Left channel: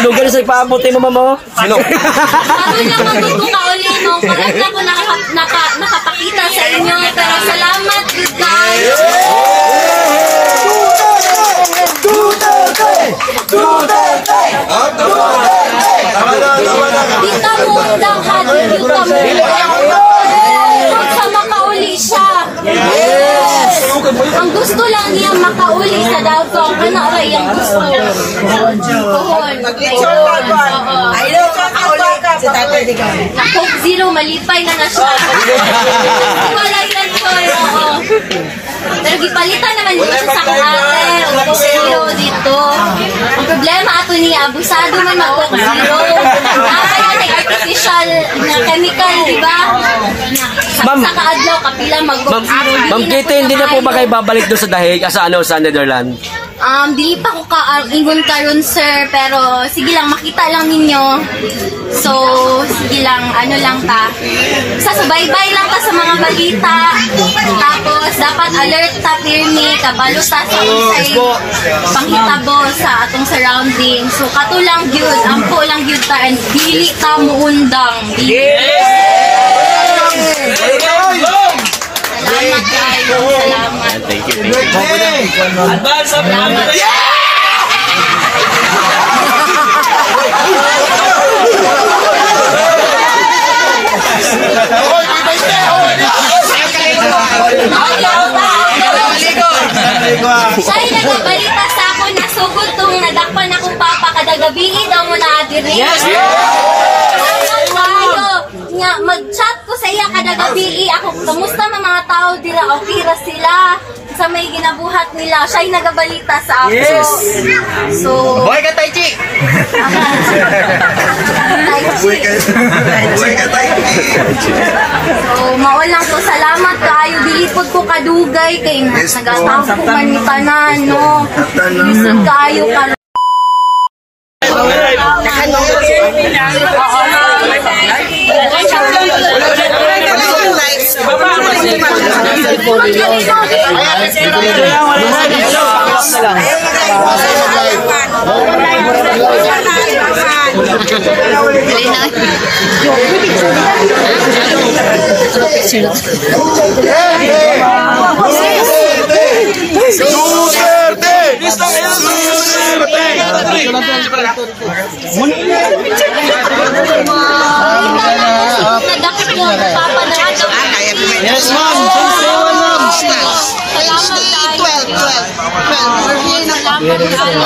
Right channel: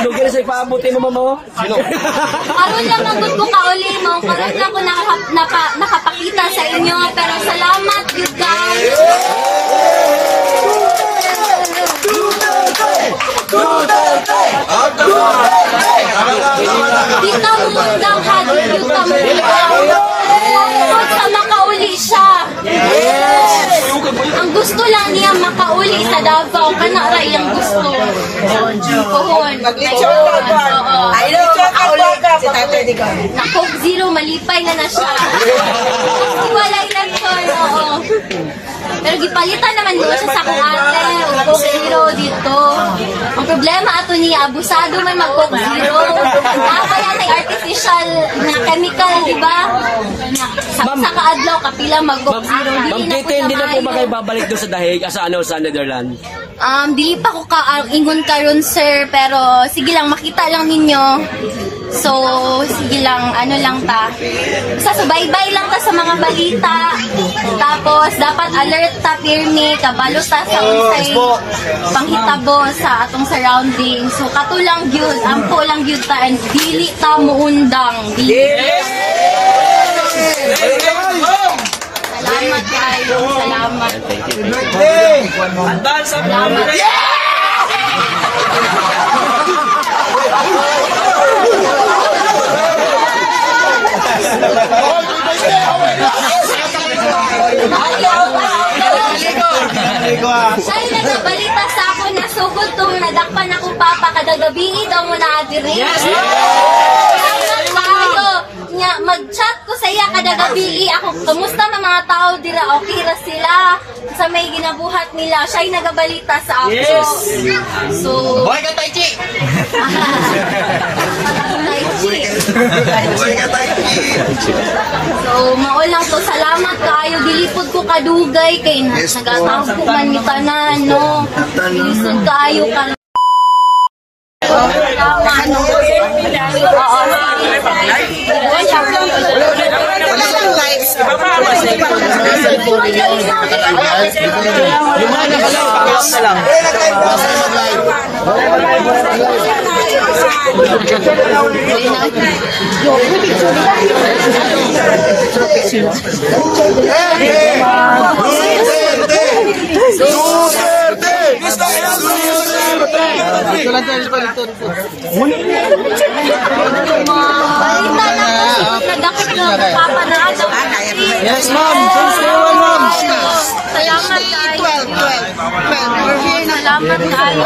Lugar sa ipaabot mo, mama mo. Sino? Karoon lang magod ko kauli mo. Karoon lang ko nakapakita sa inyo. Pero salamat, good guys. Dito mo lang hadin yung kamera. Sa makauli siya. Ang gusto lang niya makauli sa Davao. Ano rin yung gusto? Kuhon. Na Coke Zero, malipay na siya. Wala yan ko. Pero gipalitan naman dito siya sa karate. Coke Zero dito. Ang problema ato niya, abusado man mag-Coke Zero. Nakapala na artificial na chemical, di ba? Sa kaadlaw, kapila mag-Coke Zero. Ma'am Kitty, hindi na po ba kayo babalik doon sa dahig? Sa Netherlands? Dili pa ko ingon karon sir, pero sige lang, makita lang ninyo. So, sige lang, ano lang ta. Subaybay lang ta sa mga balita. Tapos, dapat alert ta, pirmi, kabalo ta sa usay panghitabo sa atong surroundings. So, kato lang gyud, ampo lang gyud ta, and dili ta muundang. Salamat kayo. Salamat. Thank you. Salamat. Sa'yo nagbabalita sa ako na sugod tong nadakpan akong papa kada gabi daw mo na adiri. Salamat kayo. Mag-chat ko sa iya kada gabi ako, kumusta mga tao dira, okay ra sila sa may ginabuhat nila. Siya'y nagabalita sa ako. Yes. So, boy ka Tai Chi. So, mao lang to, salamat kayo, dilipod ko kadugay kay nagataw ko man ni tanan, no. Lisod kayo ka. Yes, ma'am. Ma'am. Salamat kayo. Salamat kayo.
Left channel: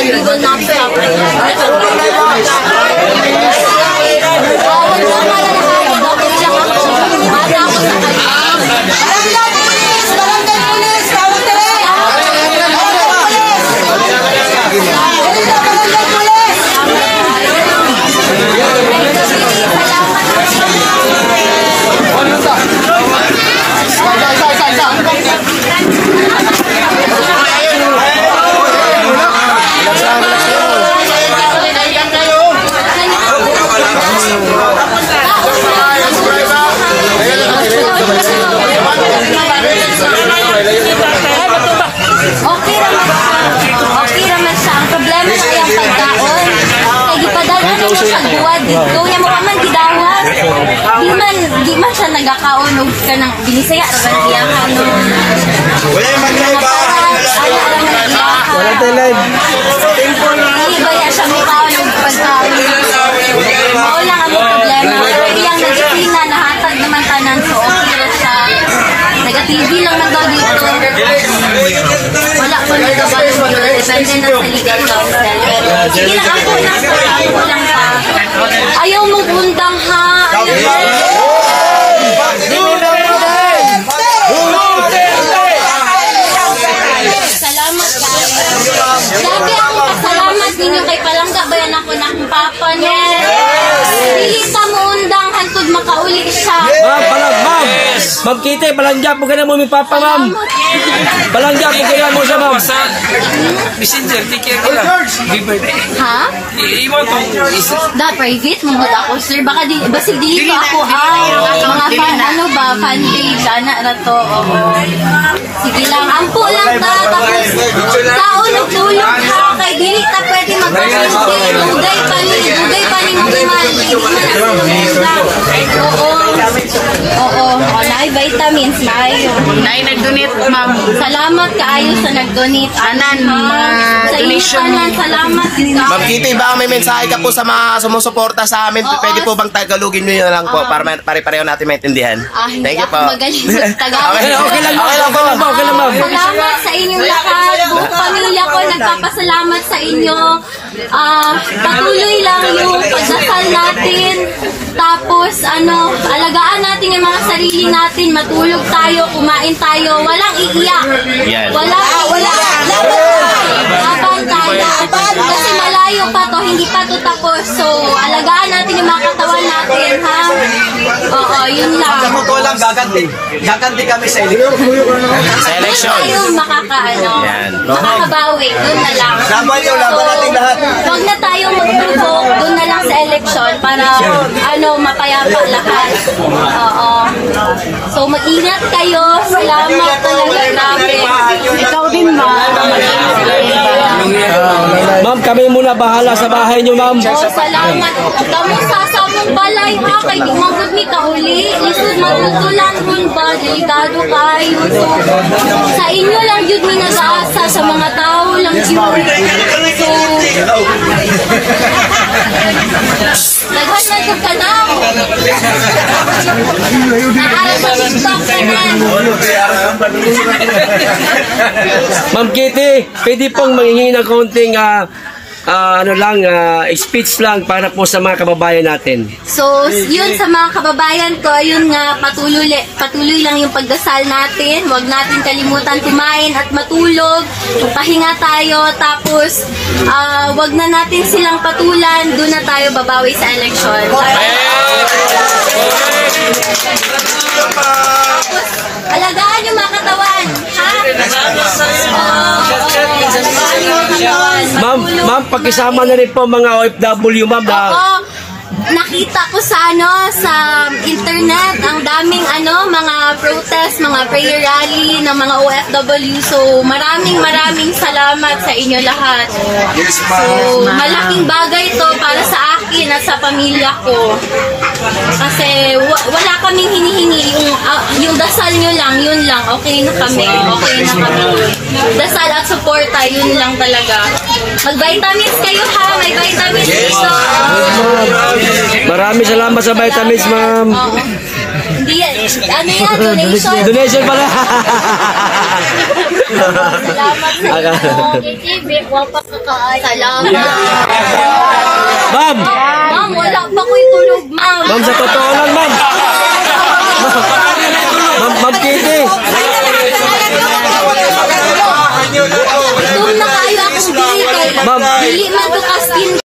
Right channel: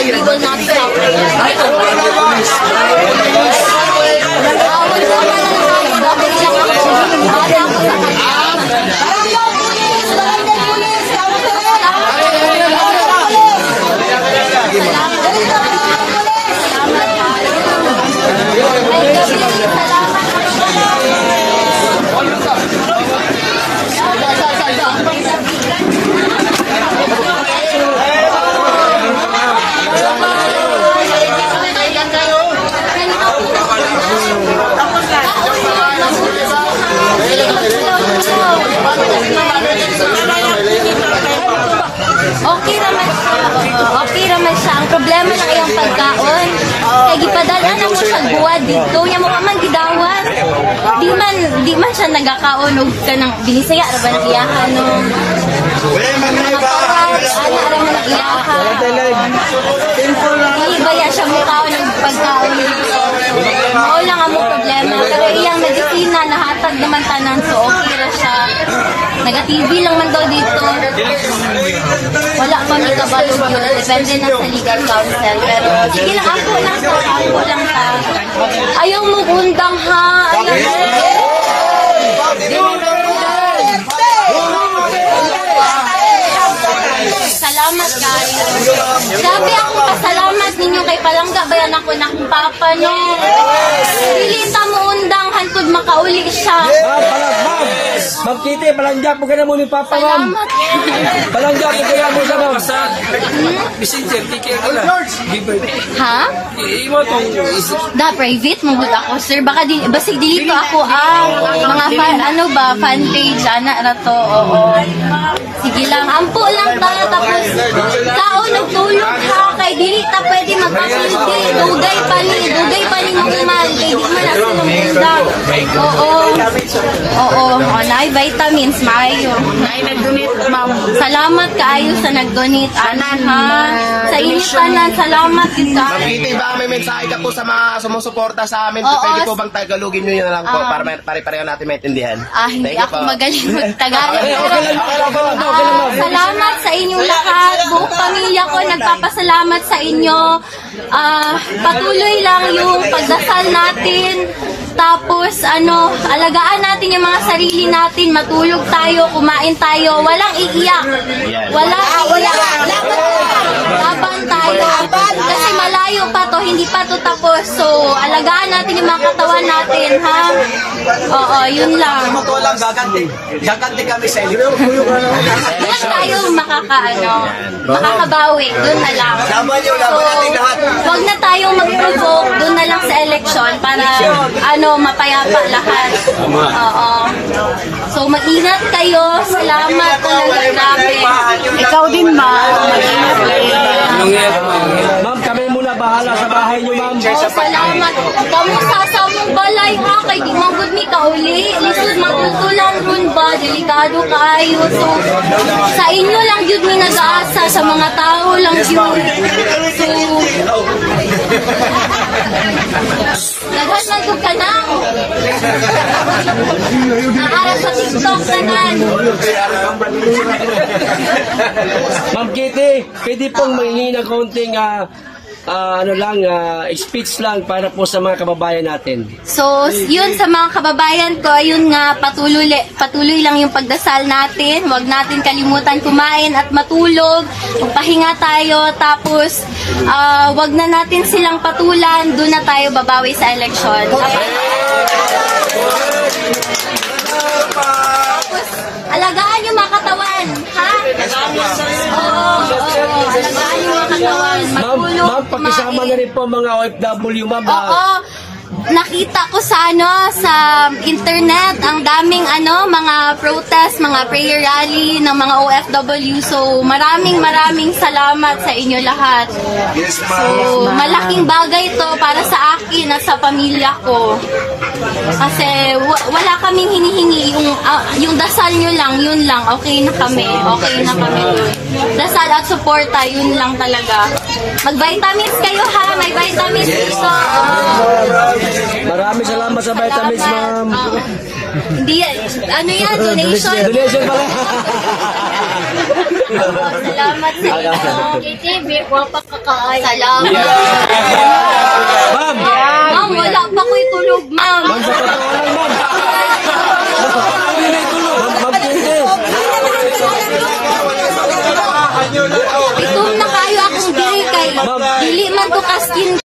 We will not stop. di man siya nagakaunog ka ng binisaya ra ba iyahan no. Mga parang alam mo iyahan. Hindi ba ya siya mukhaon ng pagkaon. Mao lang ang problema. Pero iyang nagipina nahatag naman tanan so okay ra siya. Nag-TV lang man daw dito. Wala pa nila ba depende na sa legal counsel. Pero sige lang ako lang sa ayaw mo undang ha. Salamat kayo. Grabe akong pasalamat ninyo kay Palangga bayan ako na akong papa niya. Dili sa mo undang hantod makauli siya. Ma'am Kitty, palangga po ka na mo mi papa ma'am. Palangga po kaya mo siya ma'am. Messenger, take care nila. Ha? Imo to. Da private mo ako sir baka di basig dili ko ako mga fan ano ba fan page ana ra to. Oo. Sige lang ampo lang ta tapos tao nagtulog ha kay dili ta pwede magpasindi dugay pa ni mo man di man Oo. Nay vitamins maayo. Nay nag-donate ma'am. Salamat kaayo sa nag-donate Anan, sa inyo tanan salamat kita. Ma'am Kitty, baka may mensahe ka po sa mga sumusuporta sa amin. Oo. Pwede po bang tagalogin nyo yun lang po para pare-pareho natin maintindihan? Hindi Thank you ako po. magaling mag-Tagalog. Okay lang po. Salamat sa inyong lahat. Buong pamilya ko nagpapasalamat sa inyo. Patuloy lang yung pagdasal natin. Tapos alagaan natin yung mga sarili natin. Matulog tayo, kumain tayo. Walang iiyak. Wala. Laban tayo. Kasi malayo pa to, hindi pa to tapos. So, alagaan natin yung mga katawan natin, ha? Oo, yun lang. Walang gaganti kami sa eleksyon. Doon tayo makakabawi. Doon na lang. Laban yung laban natin lahat. Huwag na tayong mag-provoke. Doon na lang sa eleksyon para mapayapa lahat. Oo. So, mag-ingat kayo. Salamat talaga. Grabe. Ikaw din, ma'am. Ma'am, kami muna bahala sa bahay niyo ma'am. Salamat. Kamu sa mong balay ha. Kay di manggod ni kauli. Lisod matutulan ron ba. Delikado kayo. So, sa inyo lang yun may nag-aasa. Sa mga tao lang yun. So, nagwas na ito ka na. Naara sa TikTok ka na. Ma'am Kitty, pwede pong manghingi ng kaunting speech lang para po sa mga kababayan natin. So, yun sa mga kababayan ko, yun nga, patuloy lang yung pagdasal natin. Huwag natin kalimutan kumain at matulog. Magpahinga tayo. Tapos, huwag na natin silang patulan. Doon na tayo babawi sa eleksyon. Tapos, alagaan yung mga katawan. Ha? Ma'am, pakisama na rin po mga OFW, ma'am. Oo. Nakita ko sa internet ang daming mga protest, mga prayer rally ng mga OFW. So maraming salamat sa inyo lahat. So malaking bagay to para sa akin at sa pamilya ko. Kasi wala kaming hinihingi, yung dasal nyo lang, yun lang, okay na kami. Dasal at suporta, yun lang talaga. Mag-vitamins kayo ha, may vitamins dito. Maraming salamat sa vitamins, ma'am. Hindi yan, donation. Donation pala. Salamat sa inyo. Salamat. Ma'am, Ma'am, wala pa ko'y tulog, ma'am. ma'am, sa totoo lang, ma'am. Ma'am Kitty. Doon na kayo akong dili kay dili man to ka skin